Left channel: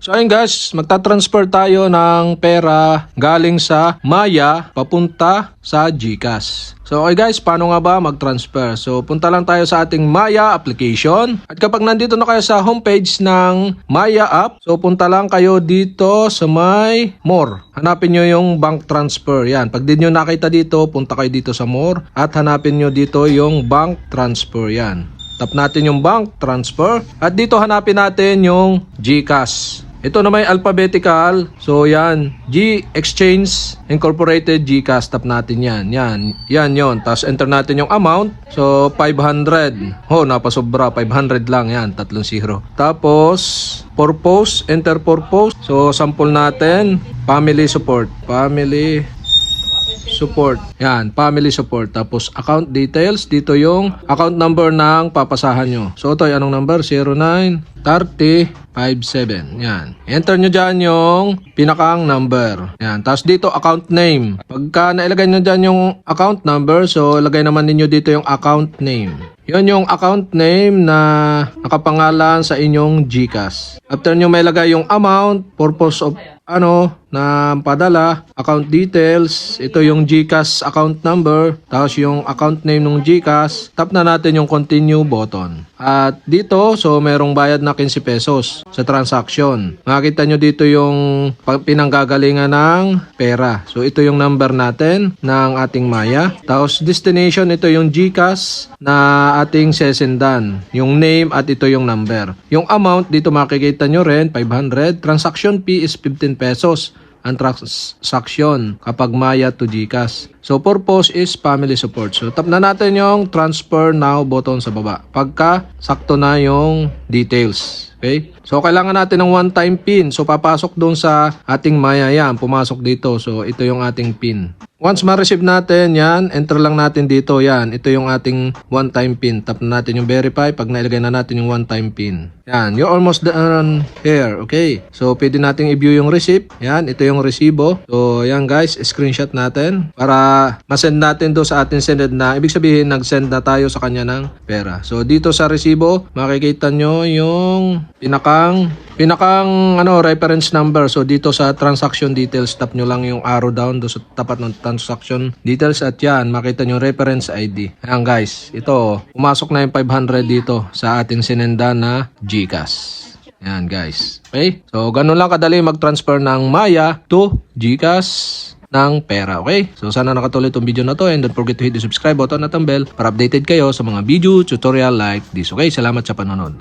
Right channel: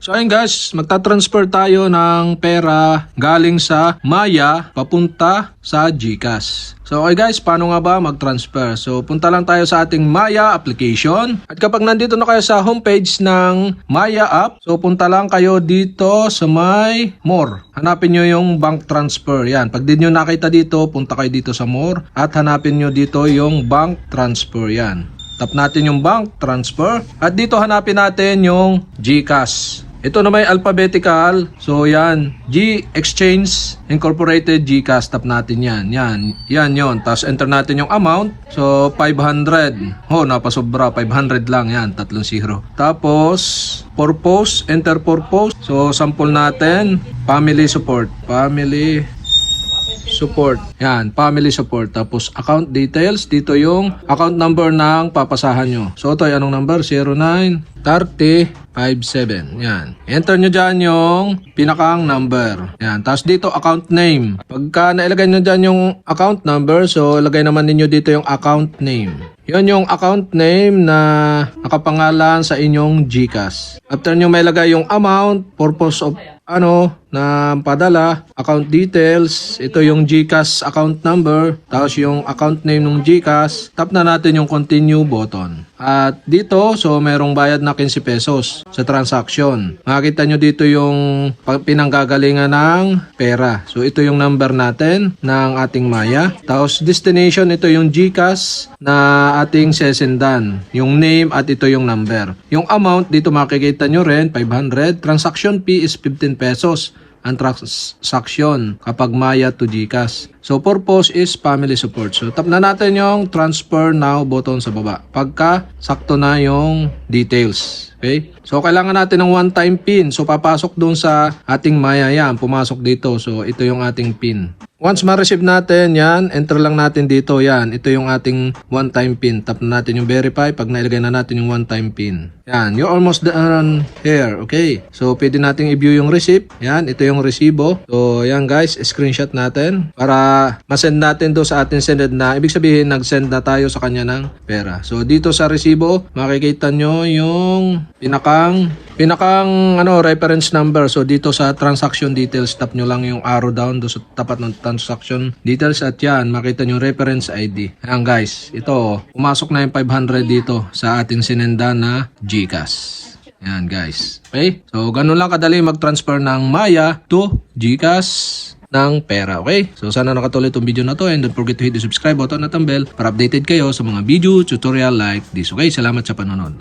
So ayun guys, magta-transfer tayo ng pera galing sa Maya papunta sa GCash. So okay guys, paano nga ba mag-transfer? So punta lang tayo sa ating Maya application. At kapag nandito na kayo sa homepage ng Maya app, so punta lang kayo dito sa may More. Hanapin nyo yung bank transfer. Yan, pag di nyo nakita dito, punta kayo dito sa More at hanapin nyo dito yung bank transfer. Yan. Tap natin yung bank transfer at dito hanapin natin yung GCash. Ito na may alphabetical. So yan, G Exchange Incorporated GCash. Tap natin yan. Yan yon. Tapos enter natin yung amount. So 500. Oh, napasobra. 500 lang yan. 3 0. Tapos purpose, enter purpose. So sample natin, family support. Family support. Yan, family support. Tapos account details, dito yung account number ng papasahan nyo. So ito, anong number? 093057. Yan. Enter nyo dyan yung pinakang number. Yan. Tapos dito account name. Pagka nailagay nyo dyan yung account number, so ilagay naman ninyo dito yung account name. Yan yung account name na nakapangalan sa inyong GCash. After nyo may lagay yung amount, purpose of na padala, account details, ito yung GCash account number, tapos yung account name ng GCash, tap na natin yung continue button. At dito, so merong bayad na 15 pesos sa transaction. Makikita nyo dito yung pinanggagalingan ng pera. So ito yung number natin ng ating Maya. Tapos destination, ito yung GCash na ating sesendan. Yung name at ito yung number. Yung amount, dito makikita nyo rin, 500. Transaction fee is 15 pesos ang transaction kapag Maya to GCash. So purpose is family support. So tap na natin yung transfer now button sa baba. Pagka sakto na yung details. Okay? So kailangan natin ng one-time PIN. So papasok doon sa ating Maya yan. Pumasok dito. So ito yung ating PIN. Once ma-receive natin yan, enter lang natin dito. Yan. Ito yung ating one-time PIN. Tap na natin yung verify. Pag nailagay na natin yung one-time PIN. Yan. You're almost done here. Okay? So pwede natin i-view yung receipt. Yan. Ito yung resibo. So yan guys. Screenshot natin. Para masend natin do sa ating sended na. Ibig sabihin nag-send na tayo sa kanya ng pera. So dito sa resibo, makikita nyo yung pinakang reference number. So dito sa transaction details, tap nyo lang yung arrow down do sa tapat ng transaction details at yan, makita nyo reference ID. Ayan guys, ito, pumasok na yung 500 dito sa ating sinenda na GCash. Yan guys. Okay? So ganun lang kadali mag-transfer ng Maya to GCash ng pera. Okay? So sana nakatulong itong video na to and don't forget to hit the subscribe button at ang bell para updated kayo sa mga video tutorial like this. Okay? Salamat sa panonood.